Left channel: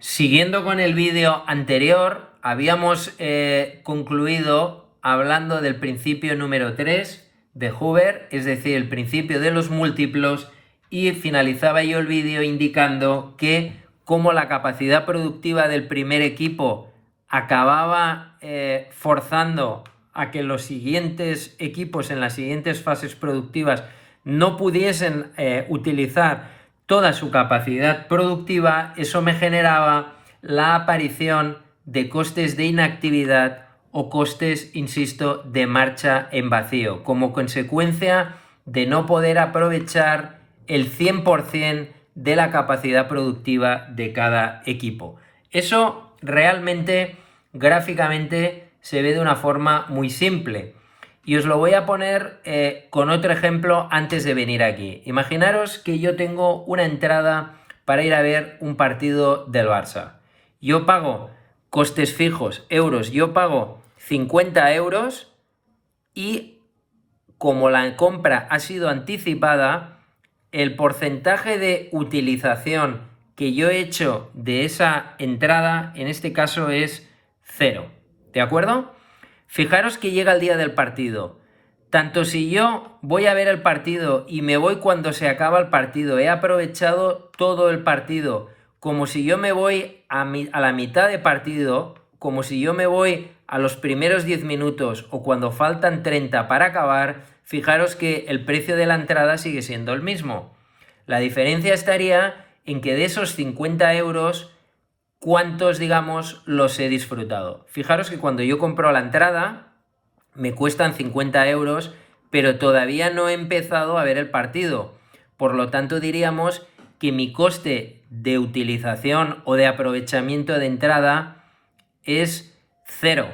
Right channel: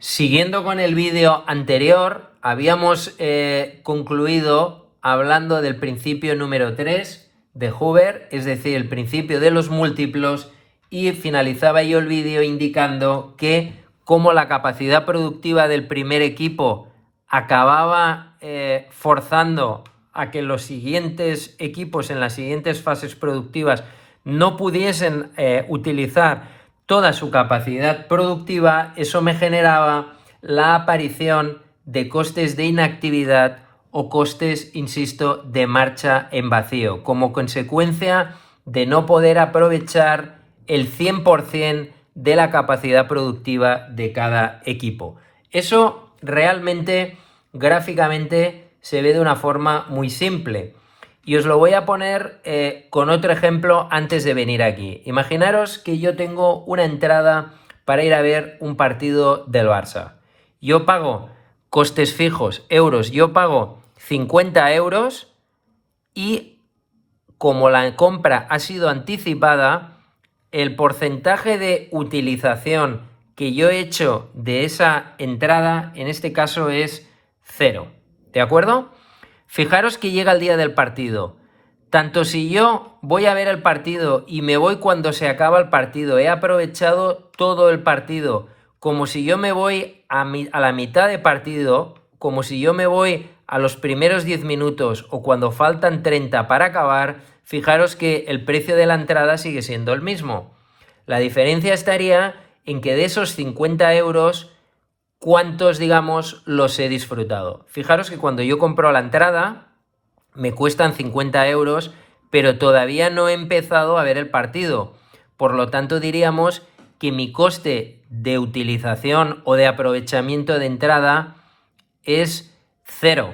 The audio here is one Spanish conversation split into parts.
Siguiendo con el vídeo anterior, habíamos concluido hablando del principio número 3 de Hoover, es decir, el principio de los múltiplos, y finalizaba yo el vídeo indicando que como la capacidad productiva del primer equipo acababa forzando a que los siguientes equipos en las siguientes fases productivas no pudiesen utilizar toda su capacidad productiva, eso me generaba la aparición de costes de inactividad o costes, insisto, de marcha en vacío, como consecuencia de no poder aprovechar el 100% de la capacidad productiva de cada equipo. Eso realmente, gráficamente, se ve de una forma muy simple. Y os lo voy a poner con otro ejemplo antes de venir aquí. Imaginaros que yo tengo una entrada para ir a ver un partido del Barça. Yo pago costes fijos, euros, yo pago 50 euros y como la compra ha sido anticipada, el porcentaje de utilización que yo he hecho de esa entrada, en este caso es 0. ¿De acuerdo? Fijaros que llega el día del partido. Tanto si yo voy a ver el partido y me voy cuando se acaba el partido, he aprovechado todo el partido, como si yo me voy a la mitad de partido, como si yo me voy a los primeros 10 minutos o cuando faltan 30 para acabar, fijaros que el precio de la entrada sigue siendo el mismo. La diferencia estaría en que de esos 50 euros, ¿cuántos, digamos, los he disfrutado? Fijaros que cuando yo compro la entrada, me cuestan 50 euros, pero todavía no he empezado a ver el partido. Por lo tanto, diríamos que mi coste de utilización o de aprovechamiento de entrada es 0.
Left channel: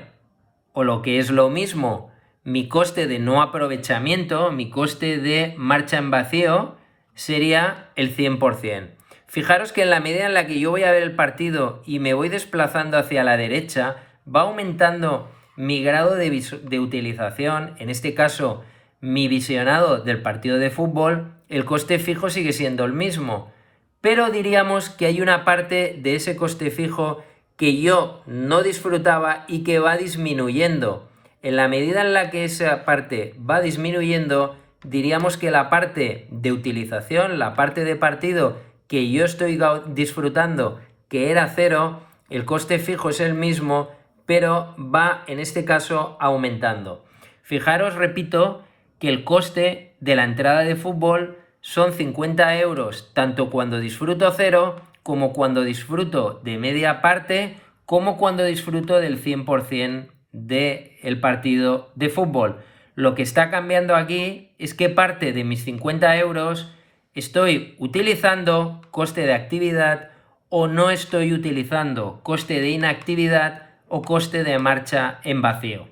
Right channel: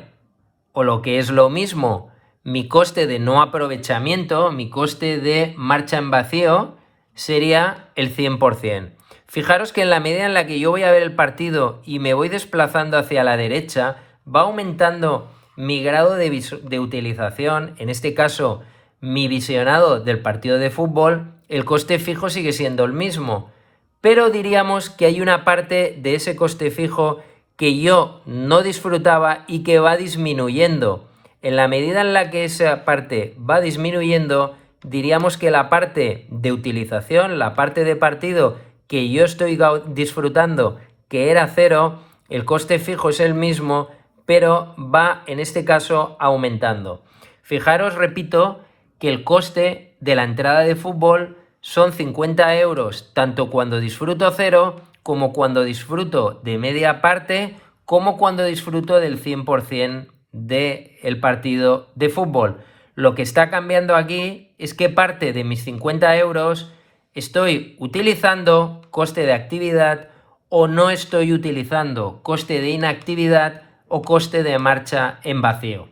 O lo que es lo mismo, mi coste de no aprovechamiento, mi coste de marcha en vacío, sería el 100%. Fijaros que en la medida en la que yo voy a ver el partido y me voy desplazando hacia la derecha, va aumentando mi grado de utilización, en este caso mi visionado del partido de fútbol, el coste fijo sigue siendo el mismo. Pero diríamos que hay una parte de ese coste fijo que yo no disfrutaba y que va disminuyendo. En la medida en la que esa parte va disminuyendo, diríamos que la parte de utilización, la parte de partido que yo estoy disfrutando, que era 0, el coste fijo es el mismo, pero va en este caso aumentando. Fijaros, repito, que el coste de la entrada de fútbol son 50 euros, tanto cuando disfruto 0, como cuando disfruto de media parte, como cuando disfruto del 100% del partido de fútbol. Lo que está cambiando aquí es que parte de mis 50 euros estoy utilizando coste de actividad o no estoy utilizando coste de inactividad o coste de marcha en vacío.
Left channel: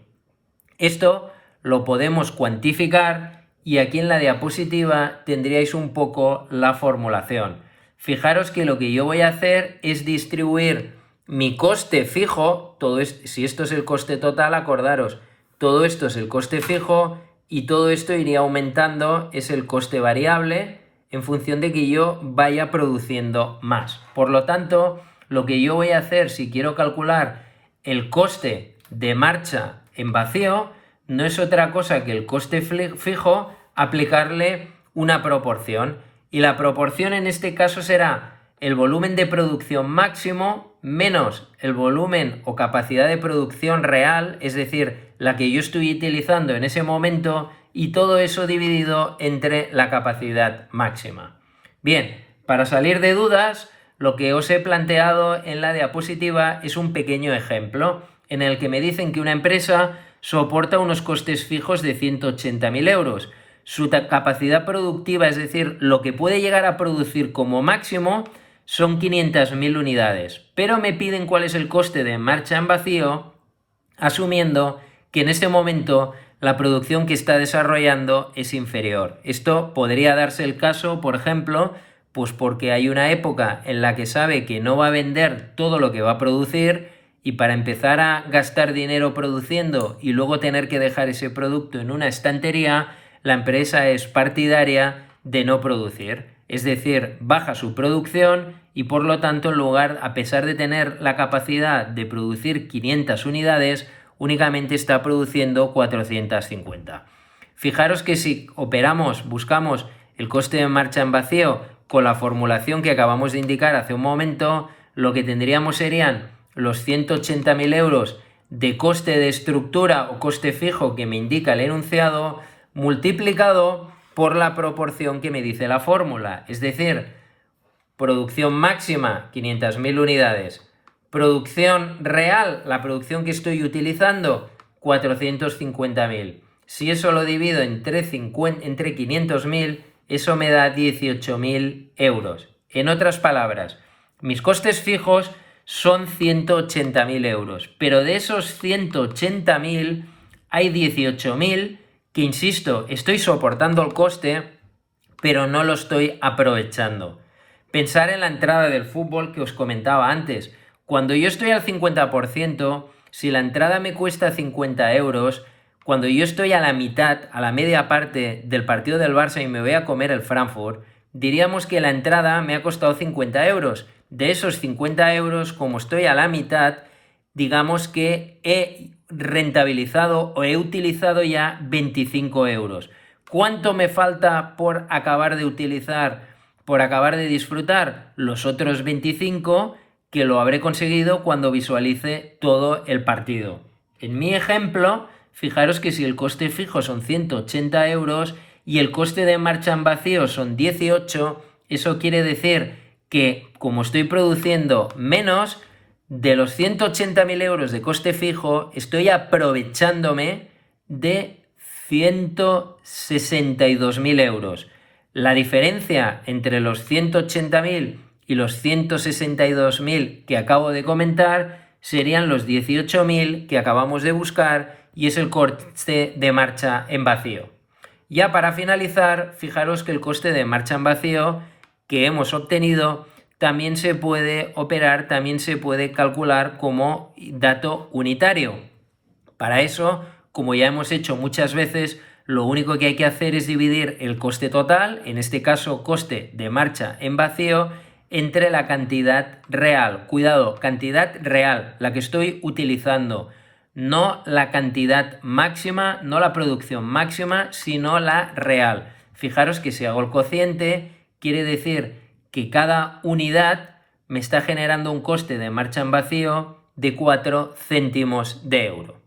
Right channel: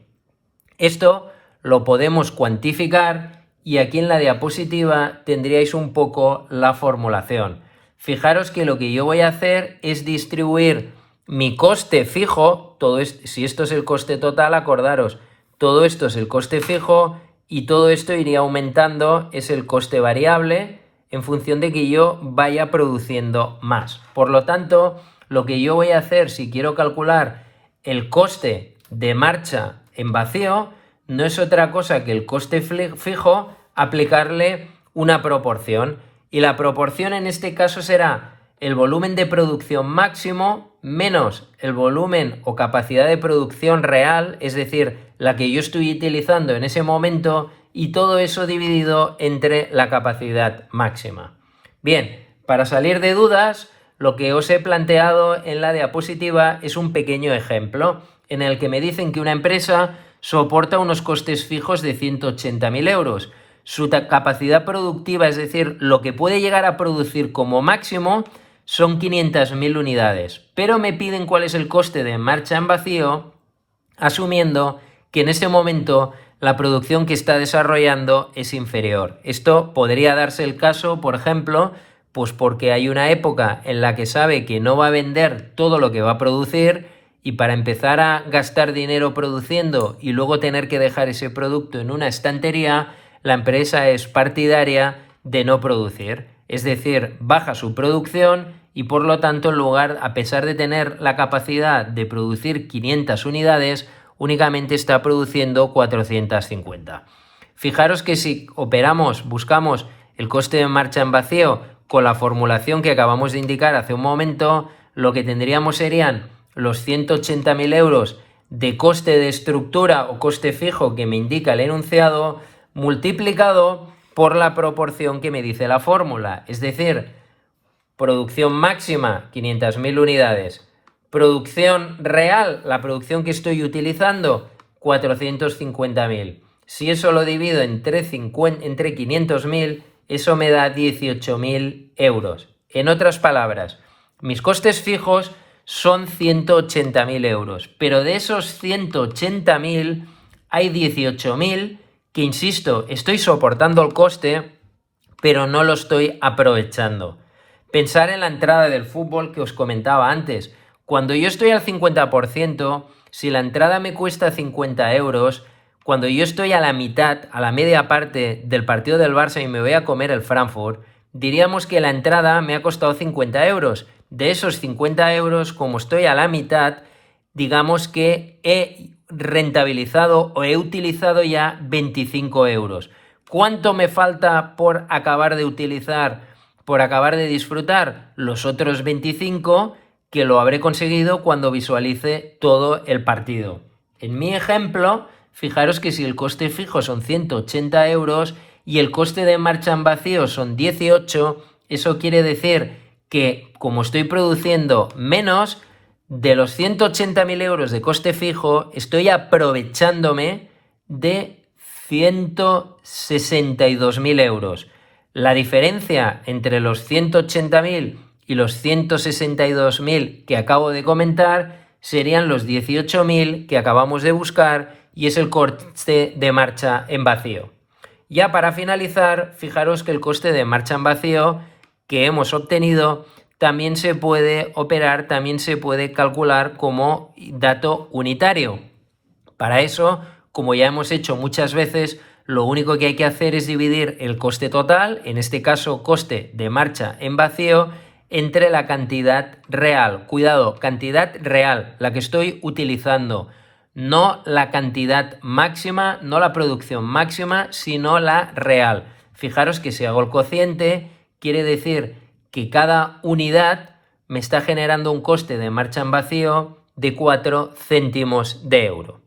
Esto lo podemos cuantificar y aquí en la diapositiva tendríais un poco la formulación. Fijaros que lo que yo voy a hacer es distribuir mi coste fijo, si esto es el coste total, acordaros, todo esto es el coste fijo y todo esto iría aumentando, es el coste variable, en función de que yo vaya produciendo más. Por lo tanto, lo que yo voy a hacer si quiero calcular el coste de marcha en vacío no es otra cosa que el coste fijo aplicarle una proporción. Y la proporción en este caso será el volumen de producción máximo menos el volumen o capacidad de producción real, es decir, la que yo estoy utilizando en ese momento, y todo eso dividido entre la capacidad máxima. Bien, para salir de dudas, lo que os he planteado en la diapositiva es un pequeño ejemplo en el que me dicen que una empresa soporta unos costes fijos de 180.000 euros. Su capacidad productiva, es decir, lo que puede llegar a producir como máximo, son 500.000 unidades. Pero me piden cuál es el coste de marcha en vacío, asumiendo que en ese momento la producción que está desarrollando es inferior. Esto podría darse el caso, por ejemplo, pues porque hay una época en la que sabe que no va a vender todo lo que va a producir y para empezar a gastar dinero produciendo y luego tener que dejar ese producto en una estantería, la empresa es partidaria de no producir. Es decir, baja su producción y por lo tanto en lugar, a pesar de tener la capacidad de producir 500 unidades, únicamente está produciendo 450. Fijaros que si buscamos el coste de marcha en vacío con la formulación que acabamos de indicar hace un momento, lo que tendríamos serían los 180.000 euros de coste de estructura o coste fijo que me indica el enunciado, multiplicado por la proporción que me dice la fórmula. Es decir, producción máxima, 500.000 unidades. Producción real, la producción que estoy utilizando, 450.000. Si eso lo divido entre 500.000, eso me da 18.000 euros. En otras palabras, mis costes fijos son 180.000 euros, pero de esos 180.000 hay 18.000 que, insisto, estoy soportando el coste, pero no lo estoy aprovechando. Pensar en la entrada del fútbol que os comentaba antes. Cuando yo estoy al 50%, si la entrada me cuesta 50 euros, cuando yo estoy a la mitad, a la media parte del partido del Barça y me voy a comer el Frankfurt, diríamos que la entrada me ha costado 50 euros. De esos 50 euros, como estoy a la mitad, digamos que he rentabilizado o he utilizado ya 25 euros. ¿Cuánto me falta por acabar de utilizar, por acabar de disfrutar? Los otros 25 que lo habré conseguido cuando visualice todo el partido. En mi ejemplo, fijaros que si el coste fijo son 180 euros y el coste de marcha en vacío son 18, eso quiere decir que como estoy produciendo menos, de los 180.000 euros de coste fijo, estoy aprovechándome de 162.000 euros. La diferencia entre los 180.000 y los 162.000 que acabo de comentar serían los 18.000 que acabamos de buscar y es el coste de marcha en vacío. Ya para finalizar, fijaros que el coste de marcha en vacío que hemos obtenido también se puede operar, también se puede calcular como dato unitario. Para eso, como ya hemos hecho muchas veces, lo único que hay que hacer es dividir el coste total, en este caso coste de marcha en vacío, entre la cantidad real. Cuidado, cantidad real, la que estoy utilizando. No la cantidad máxima, no la producción máxima, sino la real. Fijaros que si hago el cociente, quiere decir que cada unidad me está generando un coste de marcha en vacío de 4 céntimos de euro.